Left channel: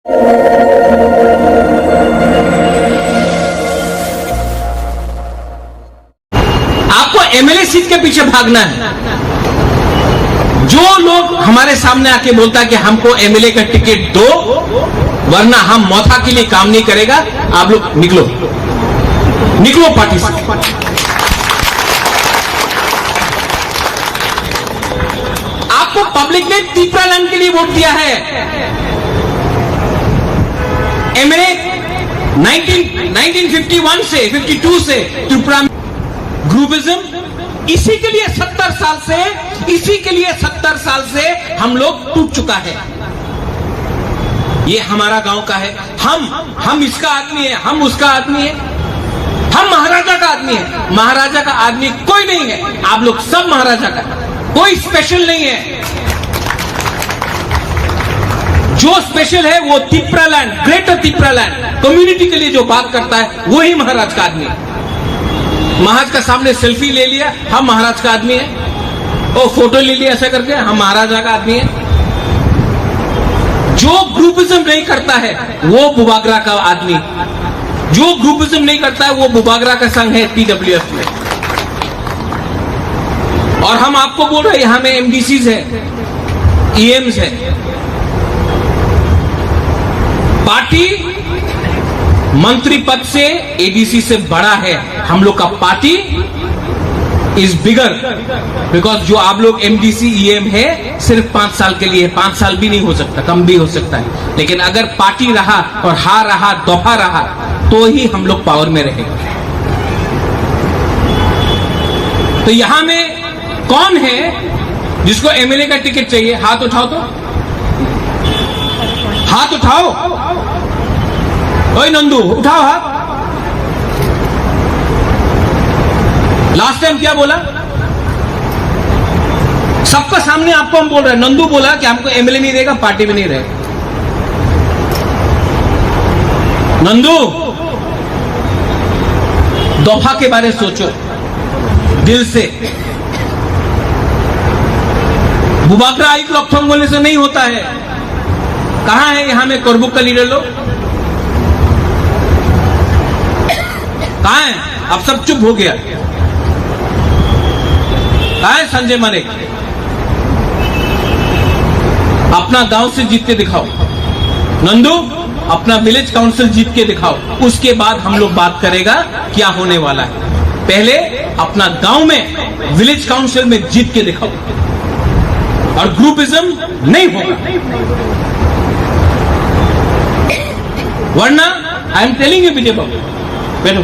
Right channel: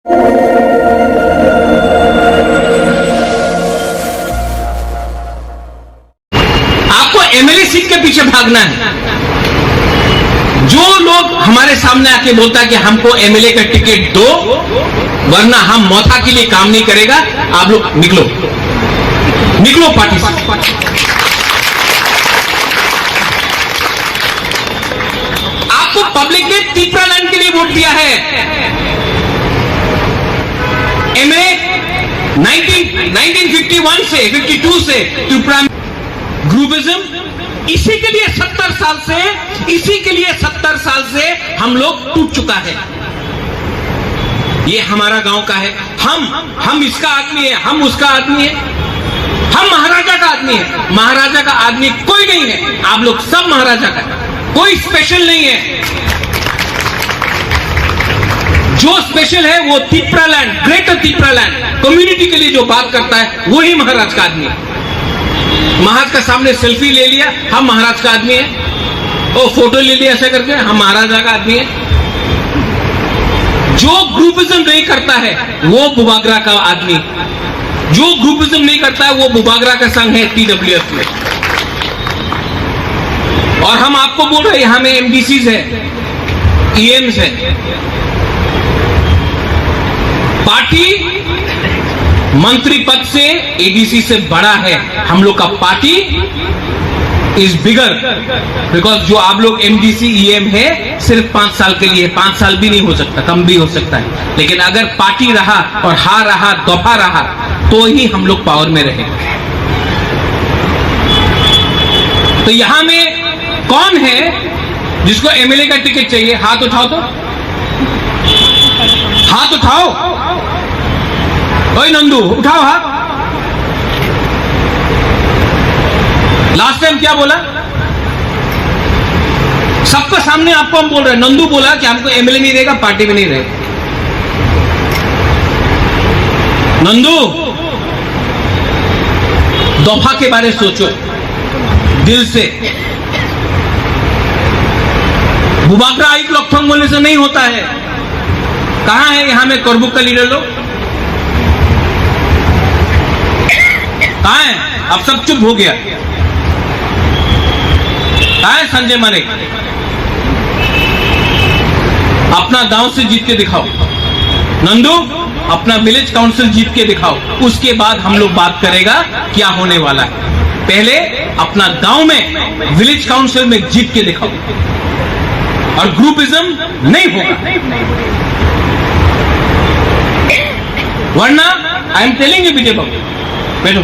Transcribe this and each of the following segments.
आपको MLA seat के पीछे भागना है। जो लोग हमारे सामने आके बोलता है कि हमको एमएलए का टिकट दो वरना हम मौता के लिए काम नहीं करेगा, आप लोग निकलो पार्टी से। आपको पब्लिक ने तीपरालैंड के लिए वोट दिया है। एमएलए 1951 से 52 से त्रिपुरा ग्रुपिज्म, इसी के लिए 70 साल से हम लोग टूट चुका है। ये हमारा गांव का है, हम इसका आदमी है, हम उसका आदमी है, हम महाराजा का आदमी है। महाराजा का आदमी कोई नहीं है, आप लोग सब महाराजा का, कोई स्पेशल नहीं है। जो स्पेशल है वो त्रिपुरालैंड, ग्रेटर त्रिपुरालैंड कम्युनिटी के लिए जो बात करता है वही महाराज का आदमी है। महाराज का सामने सेल्फी ले लिया, हम महाराज का आदमी है, और फोटो ले लिया ऐसा करके, हम महाराजा का आदमी है। जो ग्रुपिज्म नहीं करता है वो बुबागरा का आदमी, जो ग्रुपिज्म नहीं करता है वो बुबागरा का संघ है TWF में। और हम आपको बोल रहे हैं यहां में MDCs है, EMs है। पार्टी मंत्री पद से ADC से बड़ा है। हम लोग का पार्टी इज बिगर, बिकॉज जो आप लोग MDC EM है सिर्फ 5 साल के लिए, 5 साल भी नहीं हो सकता, कम भी हो सकता है। लेकिन अगर पार्टी रहा और हार रहा, दफा रहा, तो ही हम लोग पावर में रहेंगे। तो यहां में कौन है जिसको MLA का टिकट चाहिए? हाथ उठाओ तो, हाथ उठाओ। ओए नंदू, उठाओ हाथ। लास्ट टाइम क्या बोला? सबके सामने आपको हम बोल रहे हैं, नंदू बोला कि हमको MLA नहीं रहेगा, पार्टी में नहीं रहेगा। नंदू, दफा के बारे सोचो दिल से। बुबागरा एक लॉकथोंग बोलने से नहीं होता है। कहां है यहां में करबुक का लीडर लोग? कहां है? अब सब चुप हो गया। कहां है संजय मानेक? अपना गांव से जीत के दिखाओ। नंदू, अपना विलेज काउंसिल जीत के दिखाओ, उसके बाद हम लोग बात करेगा क्या होने वाला है। पहले अपना गांव में विलेज काउंसिल में जीत के दिखाओ, और ग्रुपिज्म नहीं होगा। वरना आई एम टेलिंग यू विजय बाबू, बैठो,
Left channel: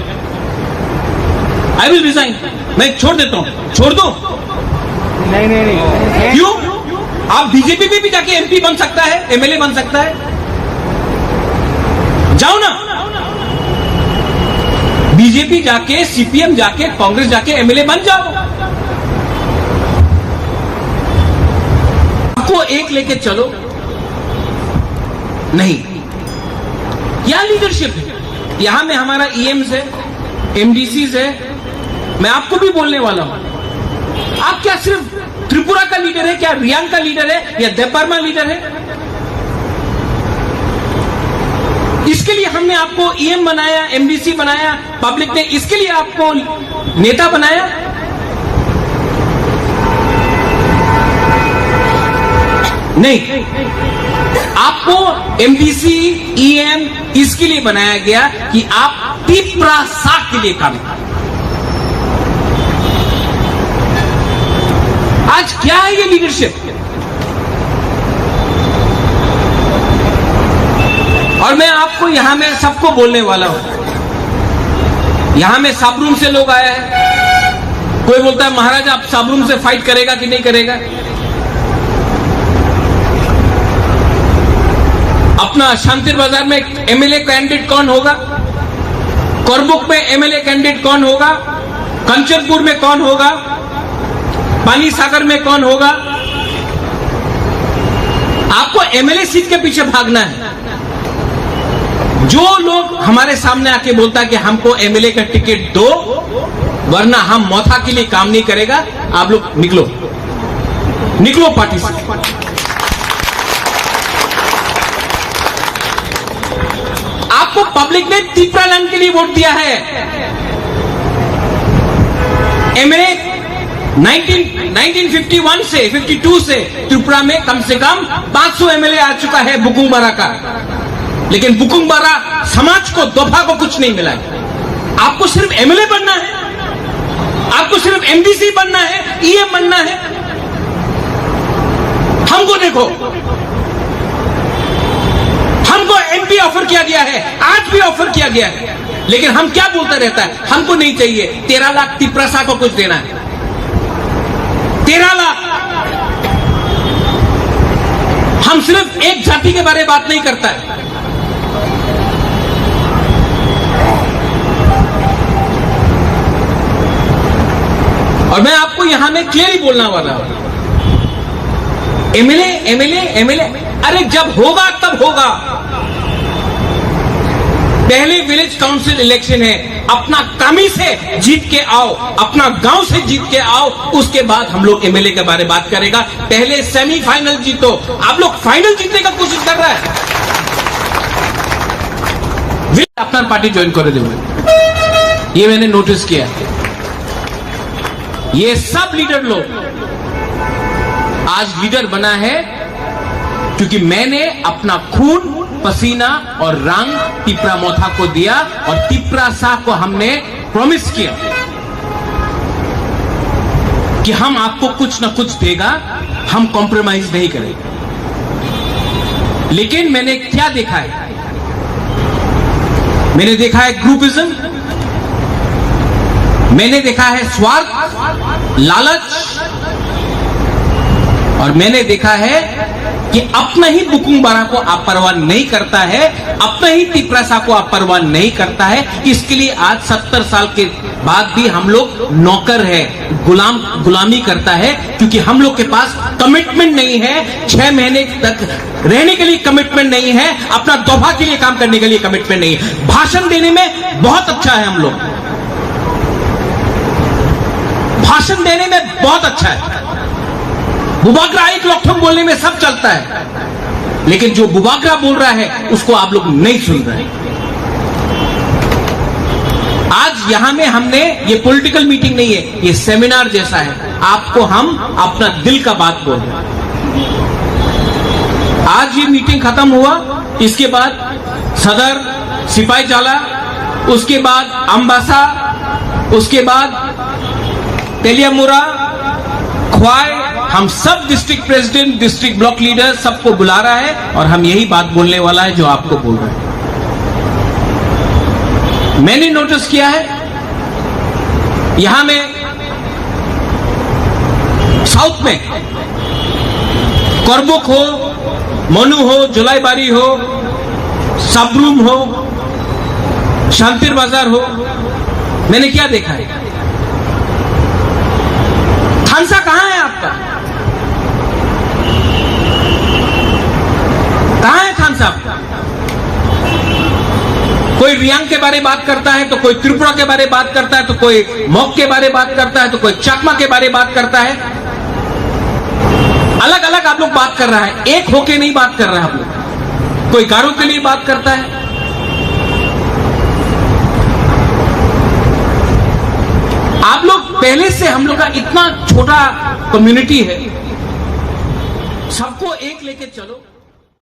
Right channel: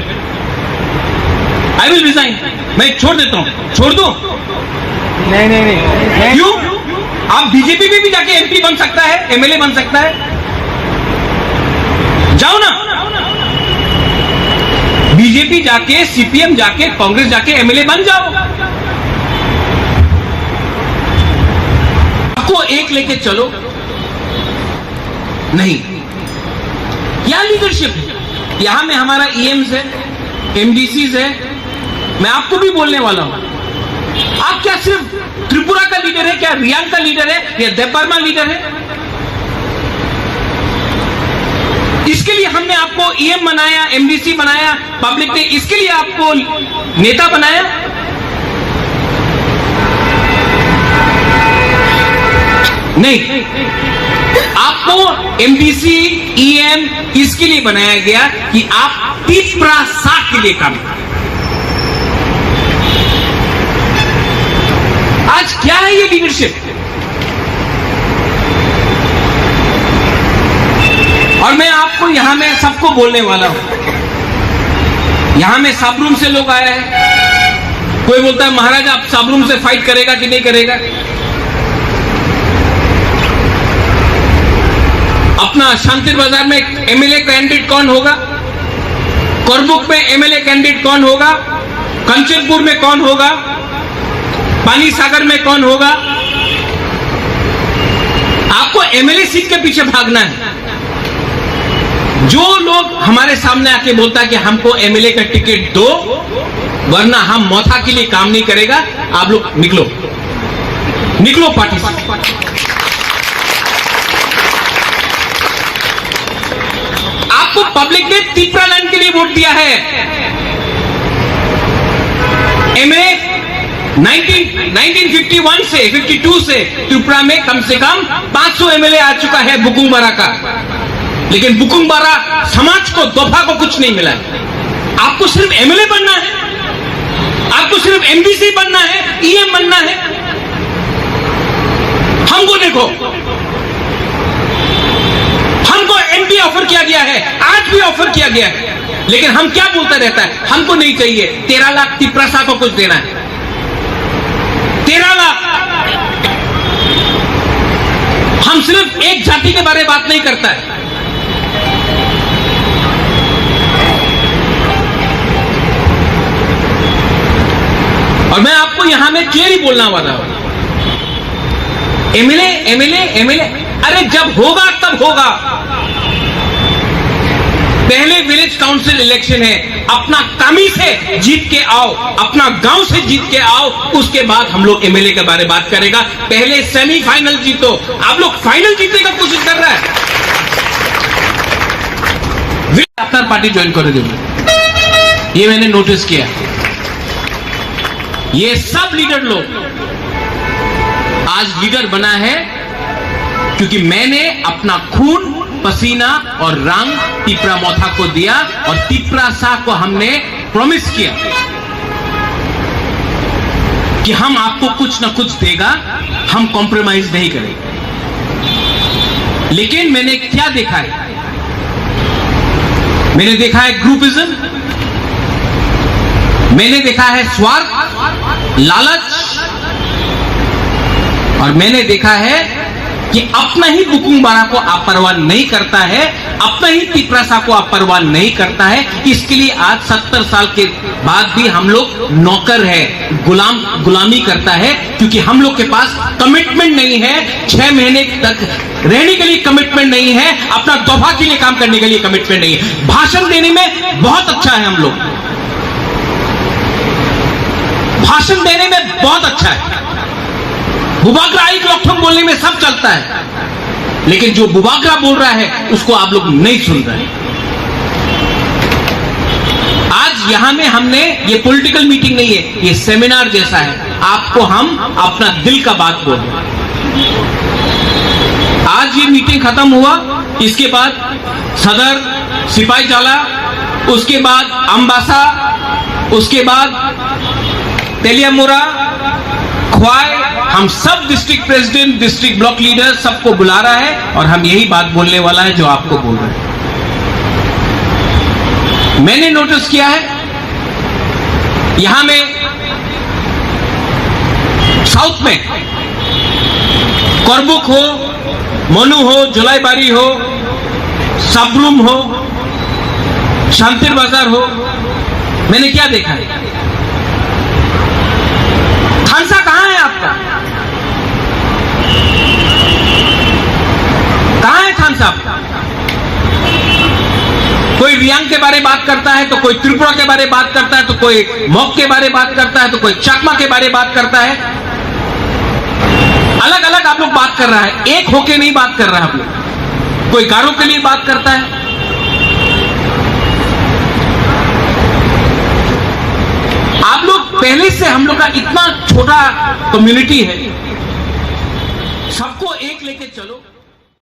आई विल रिजाइन। मैं छोड़ देता हूं। छोड़ दो? नहीं। क्यों? आप बीजेपी में भी जाके MP बन सकता है, MLA बन सकता है। जाओ ना, बीजेपी जाके, CPM जाके, कांग्रेस जाके MLA बन जाओ। आपको एक लेके चलो, नहीं। क्या लीडरशिप है? यहां में हमारा EMs है, MDCs है। मैं आपको भी बोलने वाला हूं, आप क्या सिर्फ त्रिपुरा का लीडर है? क्या रियांग का लीडर है या देवबर्मा लीडर है? इसके लिए हमने आपको EM बनाया, MDC बनाया, पब्लिक ने इसके लिए आपको नेता बनाया। नहीं, आपको MDC EM इसके लिए बनाया गया कि आप त्रिपुरा साथ के लिए काम करें। आज क्या है ये लीडरशिप? और मैं आपको यहां में सबको बोलने वाला हूं, यहां में साबरूम से लोग आए हैं। कोई बोलता है महाराज आप साबरूम से फाइट करेगा कि नहीं करेगा? अपना शांतिर बाजार में MLA कैंडिडेट कौन होगा? करबुक में MLA कैंडिडेट कौन होगा? कंचनपुर में कौन होगा? पानी सागर में कौन होगा? आपको MLA सीट के पीछे भागना है। जो लोग हमारे सामने आके बोलता है कि हमको MLA का टिकट दो वरना हम मौता के लिए काम नहीं करेगा, आप लोग निकलो पार्टी से। पब्लिक ने त्रिपुरालैंड के लिए वोट दिया है। एमएलए 1951 से 52 से त्रिपुरा में कम से कम 500 एमएलए आ चुका है बुकुंग बारा का, लेकिन बुकुंग बारा समाज को दोफा को कुछ नहीं मिला। आपको सिर्फ एमएलए बनना है, आपको सिर्फ एमडीसी बनना है, ईएम बनना है। हमको देखो, हमको एमपी ऑफर किया गया है, आज भी ऑफर किया गया है, लेकिन हम क्या बोलता रहता है, हमको नहीं चाहिए। 13 लाख तिप्रसा को कुछ देना है, 13 लाख। हम सिर्फ एक जाति के बारे में बात नहीं करता है। और मैं आपको यहां में क्लियरली बोलना वाला हूं, एमएलए एमएलए एमएलए, अरे जब होगा तब होगा। पहले विलेज काउंसिल इलेक्शन है, अपना कामी से जीत के आओ, अपना गांव से जीत के आओ, उसके बाद हम लोग एमएलए के बारे में बात करेगा। पहले सेमीफाइनल जीतो। आप लोग फाइनल जीतने का कोशिश कर रहा है। अपना पार्टी ज्वाइन कर देंगे, ये मैंने नोटिस किया। ये सब लीडर लोग आज लीडर बना है क्योंकि मैंने अपना खून, पसीना और रंग तिप्रा मोथा को दिया, और तिप्रा शाह को हमने प्रॉमिस किया कि हम आपको कुछ ना कुछ देगा, हम कॉम्प्रोमाइज नहीं करेंगे। लेकिन मैंने क्या देखा है, मैंने देखा है ग्रुपिज्म, मैंने देखा है स्वार्थ, लालच, और मैंने देखा है कि अपना ही बुकुंग बारा को परवाह नहीं करता है, अपना ही तिप्रासा को परवाह नहीं करता है। इसके लिए आज 70 साल के बाद भी हम लोग नौकर है, गुलामी करता है, क्योंकि हम लोग के पास कमिटमेंट नहीं है। 6 महीने तक रहने के लिए कमिटमेंट नहीं है, अपना दोफा के लिए काम करने के लिए कमिटमेंट नहीं है। भाषण देने में बहुत अच्छा है, हम लोग भाषण देने में बहुत अच्छा है। बुबाकरा एक लोकठम बोलने में सब चलता है, लेकिन जो बुबाकरा बोल रहा है उसको आप लोग नहीं सुन रहे। आज यहां में हमने, ये पॉलिटिकल मीटिंग नहीं है, ये सेमिनार जैसा है। आपको हम अपना दिल का बात बोल रहे हैं। आज ये मीटिंग खत्म हुआ, इसके बाद सदर, सिपाही जाला, उसके बाद अंबासा, उसके बाद तेलियामुरा, ख्वाई, हम सब district president, district block leader सबको बुला रहा है, और हम यही बात बोलने वाला है जो आपको बोल रहे हैं। मैंने नोटिस किया है यहां में साउथ में करबुक हो, मनु हो, जुलाईबारी हो, सबरूम हो, शांतिर बाजार हो, मैंने क्या देखा है, थानसा कहां है आपका, कहां है थानसा आपका? कोई रियांग के बारे में बात करता है, तो कोई त्रिपुरा के बारे में बात करता है, तो कोई मॉक के बारे में बात करता है, तो कोई चकमा के बारे में बात करता है। अलग अलग आप लोग बात कर रहा है, एक होके नहीं बात कर रहा है आप लोग। कोई गारो के लिए बात करता है। आप लोग पहले से, हम लोग का इतना छोटा कम्युनिटी है, सबको एक लेके चलो।